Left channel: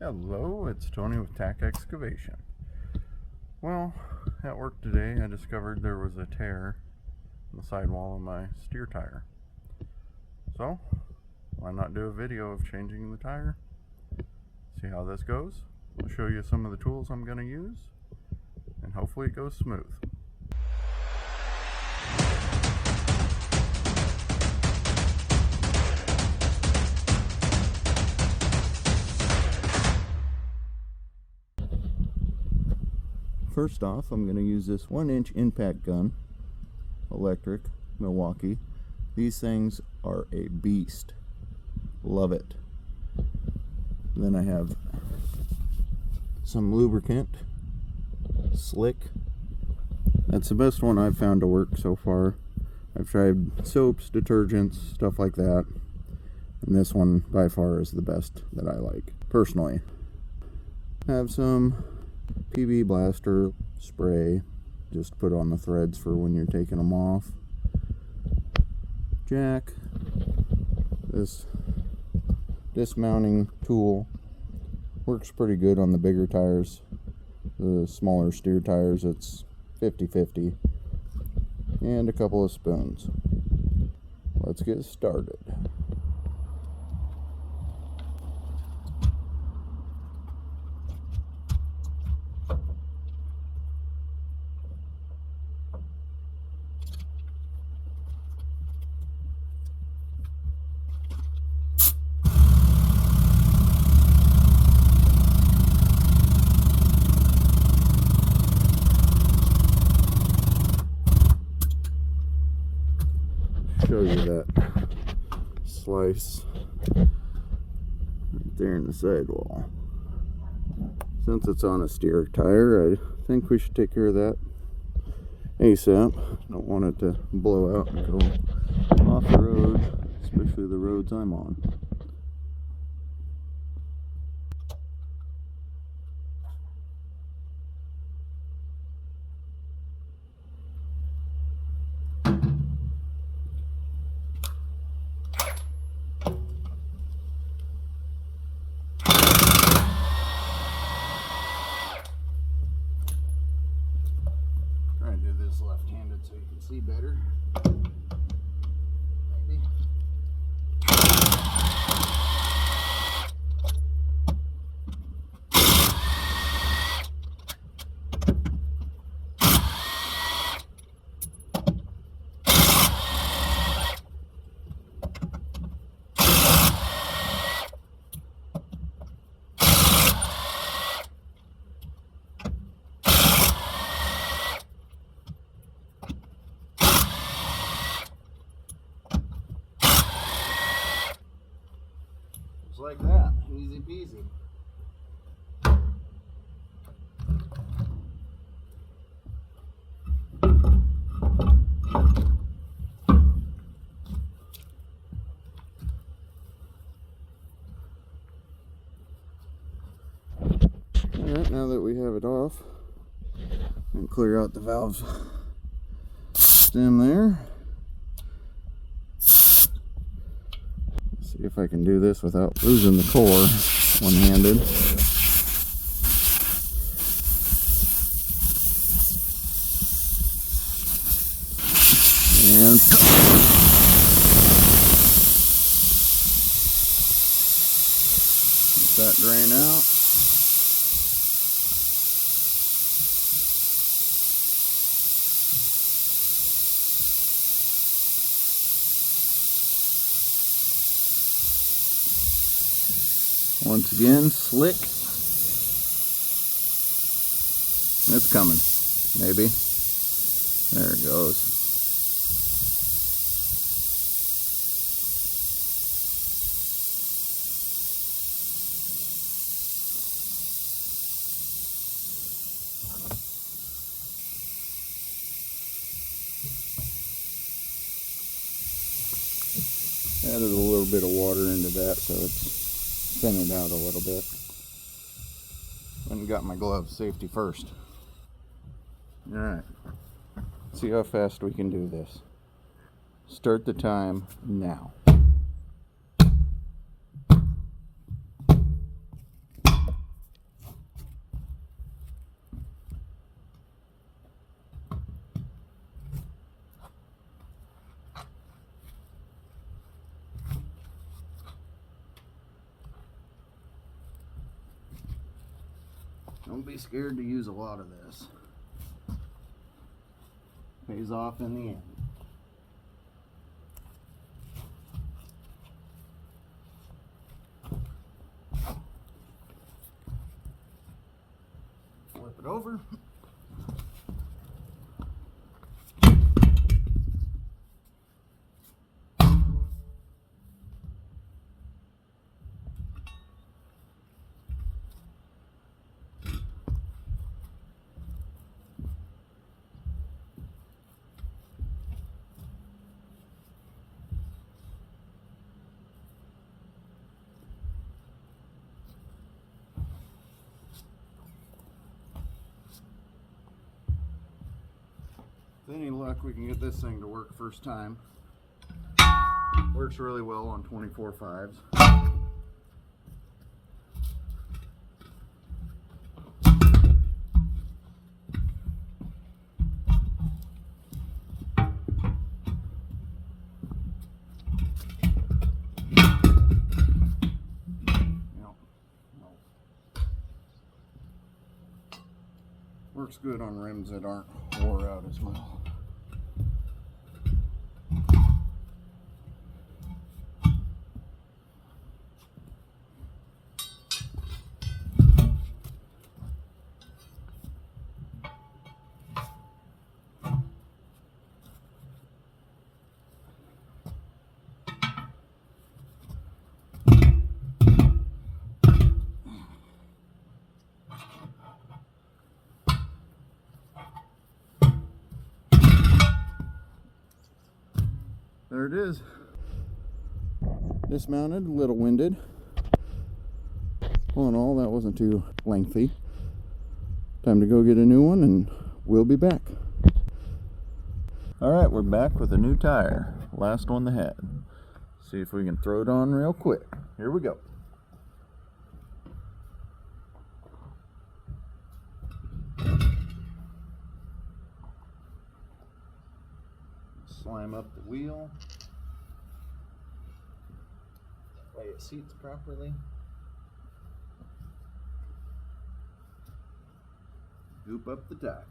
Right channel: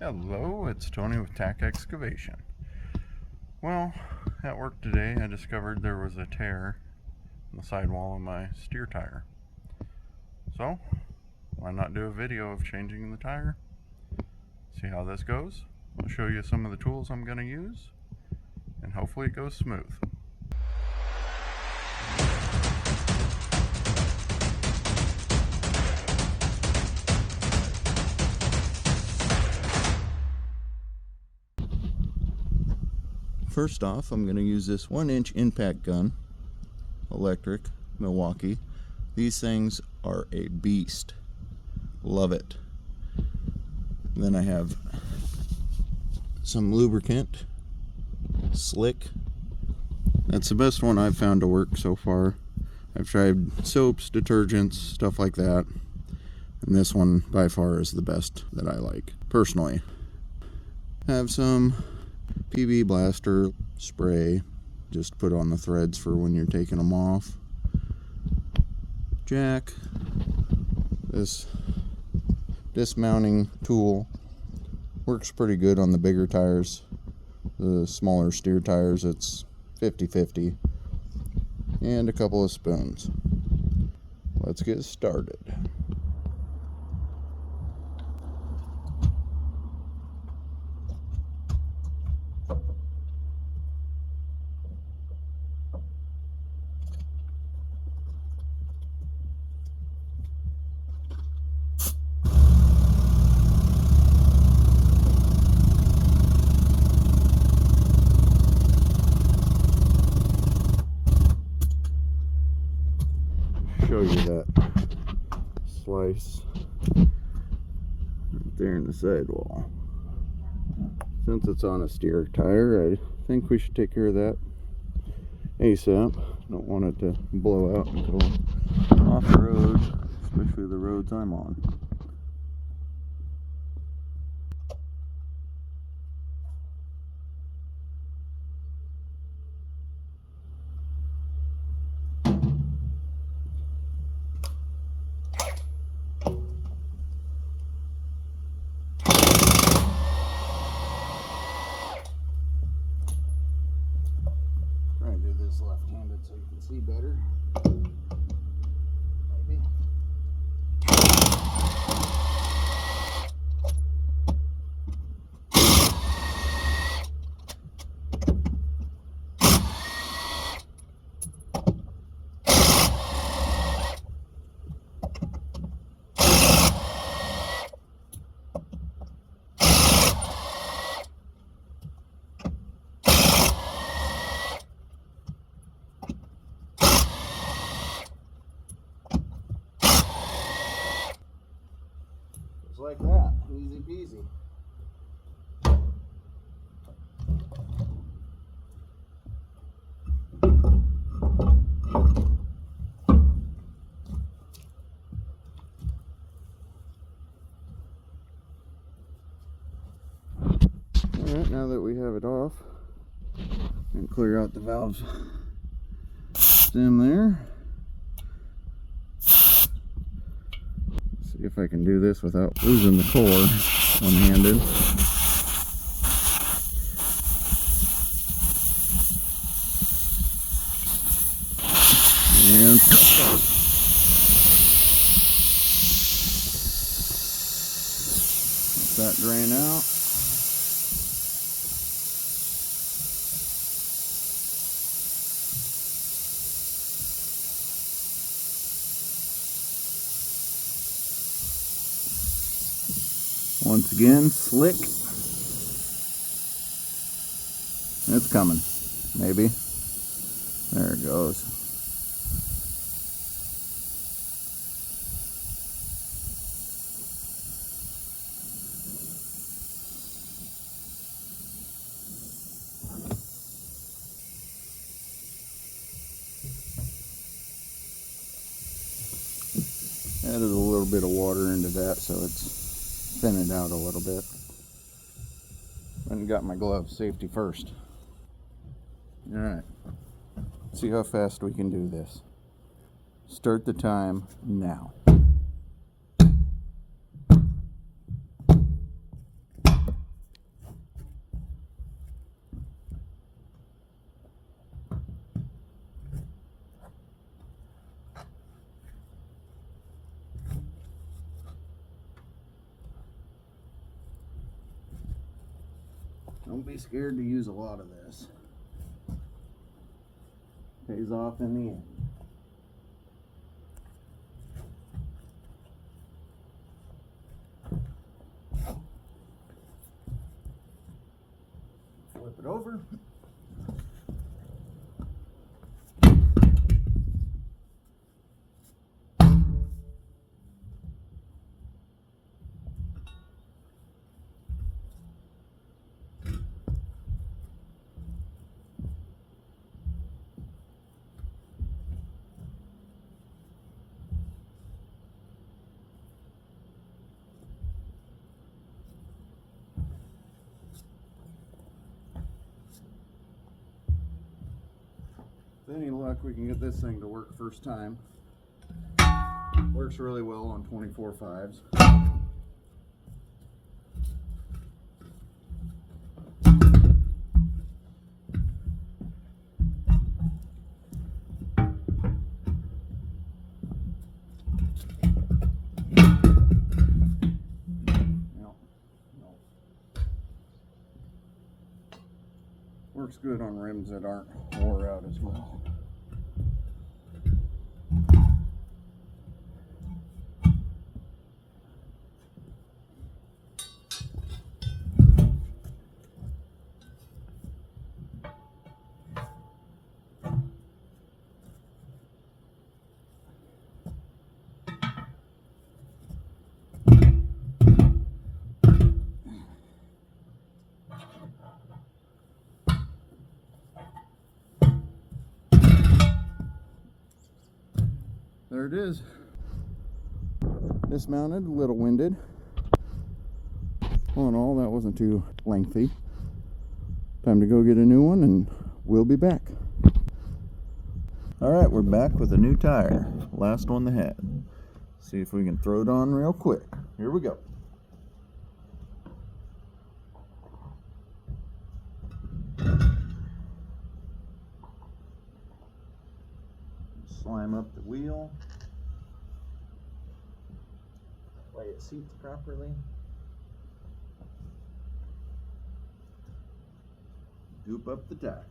Hello, it's Tony with Excavation. Well, at work today I discovered there was a tear in the sidewall of my steer tire. So, why not do a video of changing the tire? See how this goes? I'll show you some of the tools I'm going to use, and hopefully it goes smooth. First off, I'm going to use this 1-inch impact gun, electric, Milwaukee. These things are a beast. Love it. Then I have some lubricant, Slick. That's the best one I've found to work so far. I've tried soaps, detergents, stuff like that, and this one by far is the best that I like personally. Have some PB blaster spray, just put on the threads for when you're taking them off. Jack, this dismounting tool works pretty good on the bigger tires. The smaller steer tires, it's 50-50. And a couple of spoons. Let's get started. Show you that slice right there in the sidewall. Since it's on a steer tire, I think we should take care of that ASAP. Don't want it to blow out and go off the road, especially the roads I'm on. Trying to do this left-handed so you can see better. Maybe. Just like that, easy peasy. Alright, now that we have it off, and clear out the valve stem there. See if I can do this without losing the core one-handed. And let that drain out. Once again, Slick. It's coming. Maybe. There it goes. Added a little bit of water into that so it's thin it out a little bit. And got my gloves, safety first. Alright, see how fast we can do this. Start the time now. Don't be scared to use a lot of this. Pays off in the end. Flip it over. With any luck, we can get this thing to work first time. Works really well on 24/5s. Works good on rims that aren't wore out as well. There it is. Dismounted, a little winded. All in all, that wasn't too lengthy. Time to go get a new one and we'll be back. Alright, we're back with a new tire. Last one they had. See if we can throw it on real quick. Here we go. Slime up the wheel. That way it seats properly. Goop up the tire.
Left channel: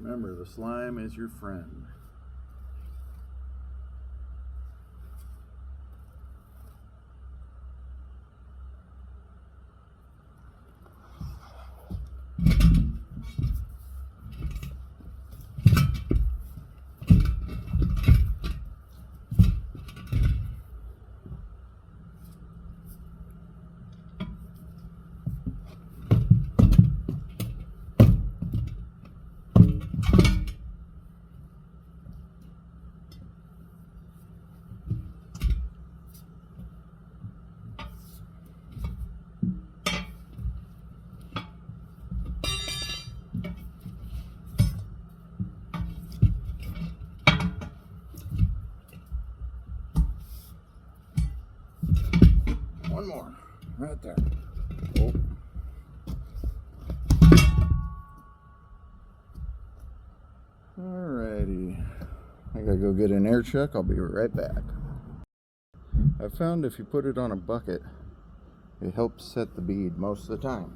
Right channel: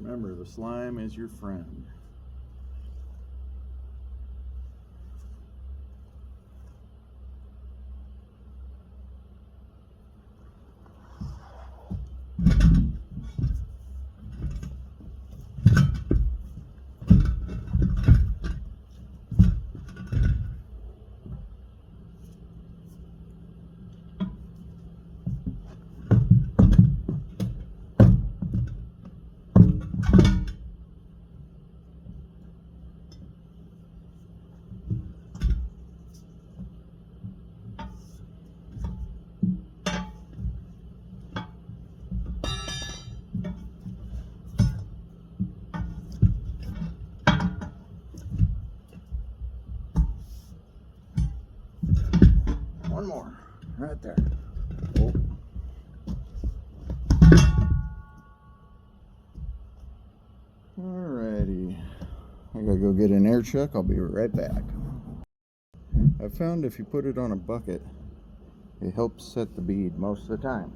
Remember, the slime is your friend. One more, right there. Oh. Alrighty. I gotta go get an air chuck. I'll be right back. I found if you put it on a bucket, it helps set the bead most of the time.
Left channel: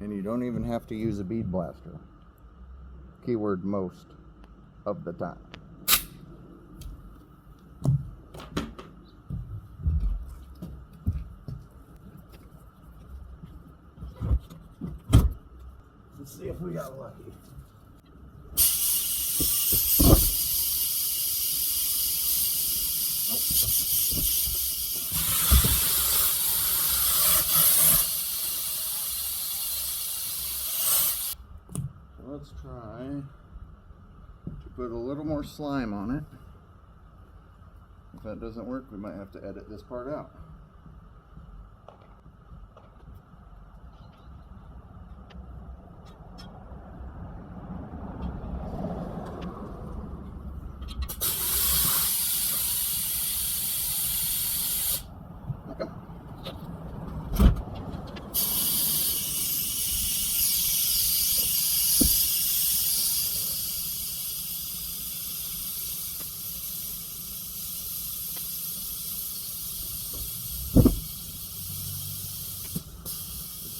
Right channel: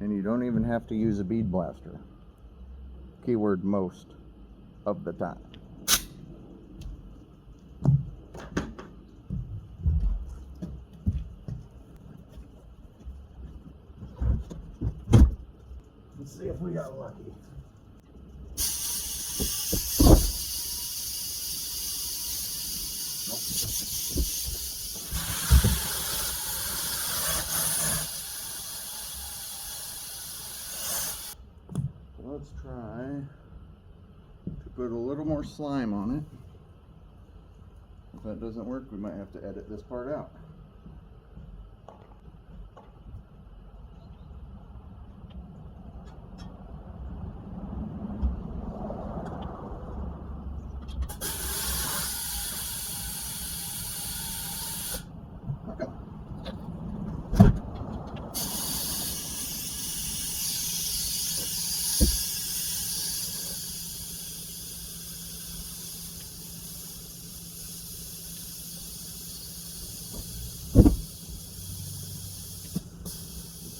And you don't even have to use a bead blaster. Keyword most of the time. Let's see if we got lucky. Let's try to put a little more slime on it. If that doesn't work, we might have to edit this part out.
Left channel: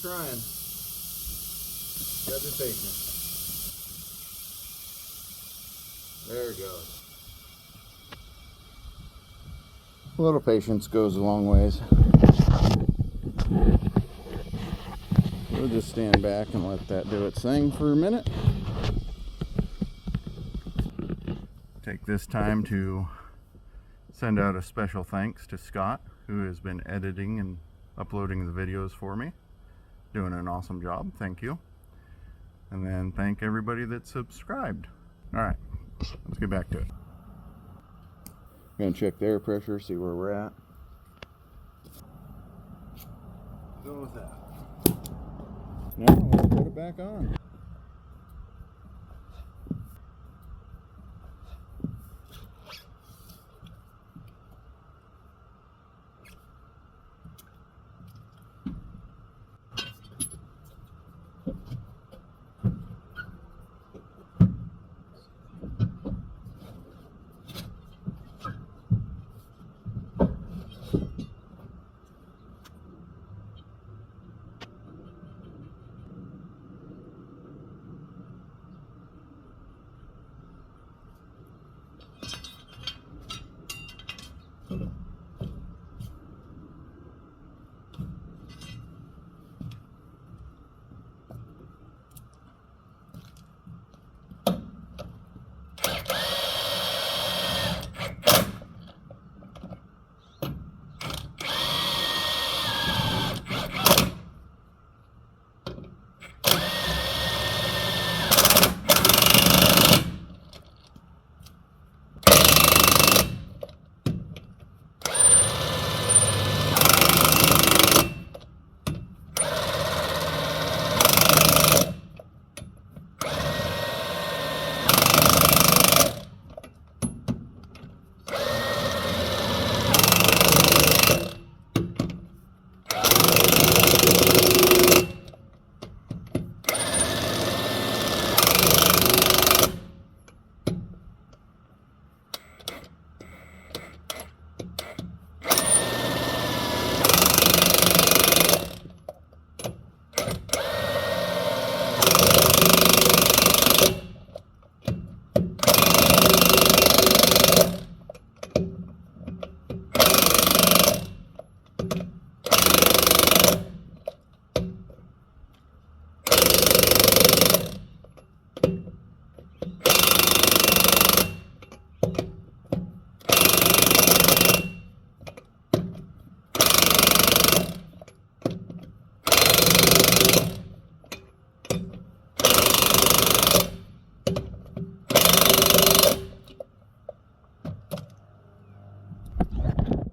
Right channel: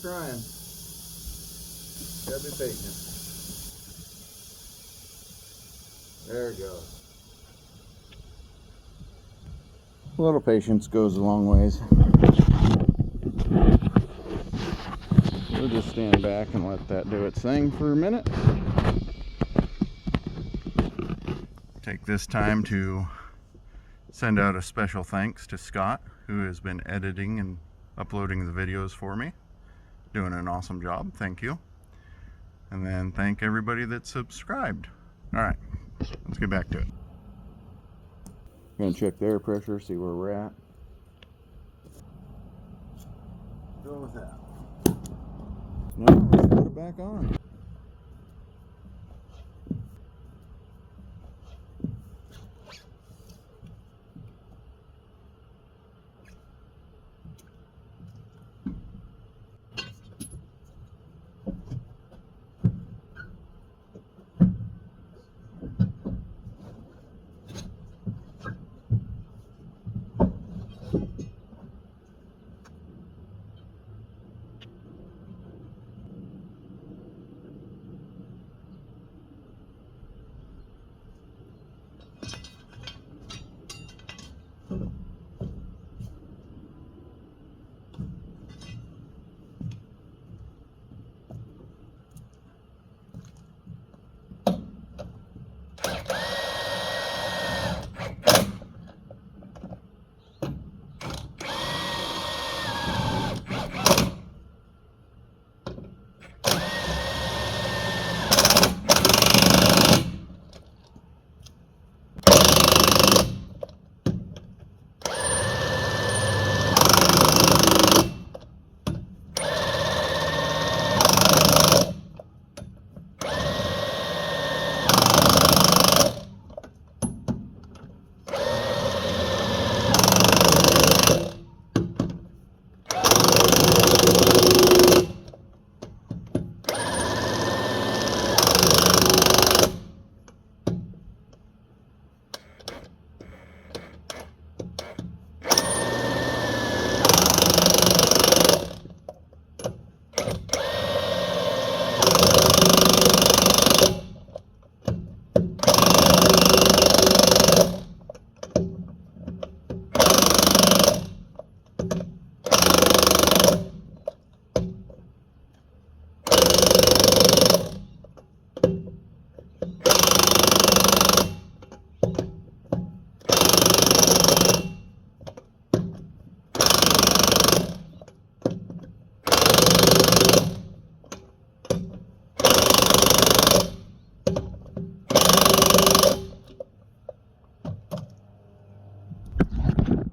trying. Gotta be patient. There it goes. A little patience goes a long ways. We'll just stand back and let that do its thing for a minute. Take this time to send out a special thanks to Scott, who has been editing and uploading the videos for me. Doing an awesome job, thank you. And then thank everybody that subscribed. Alright, let's get back to it. Gonna check the air pressure, see where we're at. Go with that. Now let's put it back on.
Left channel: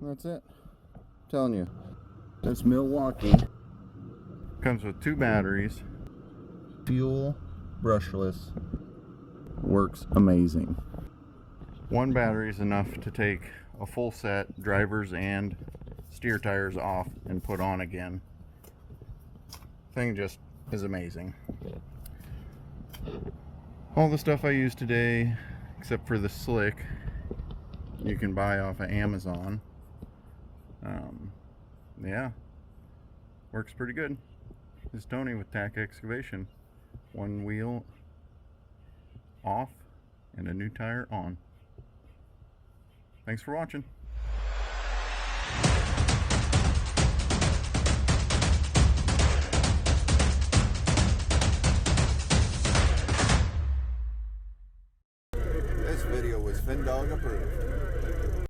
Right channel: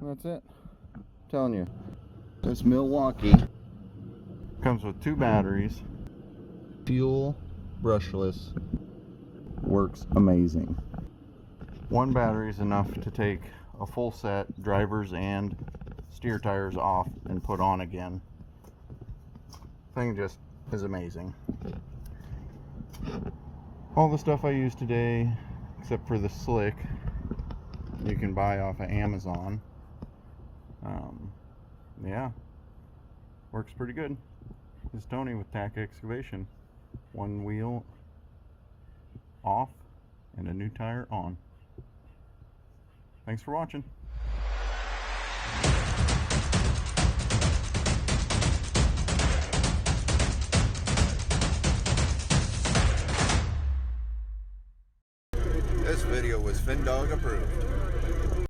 That's it. I'm telling you, this Milwaukee comes with 2 batteries. Fuel, brushless, works amazing. 1 battery is enough to take a full set, drivers and steer tires off and put on again. Thing just is amazing. All the stuff I use today, except for the slick, you can buy off of Amazon. Yeah, works pretty good. This is Tony with TAC Excavation. 1 wheel off and a new tire on. Thanks for watching. This video was FinDog approved.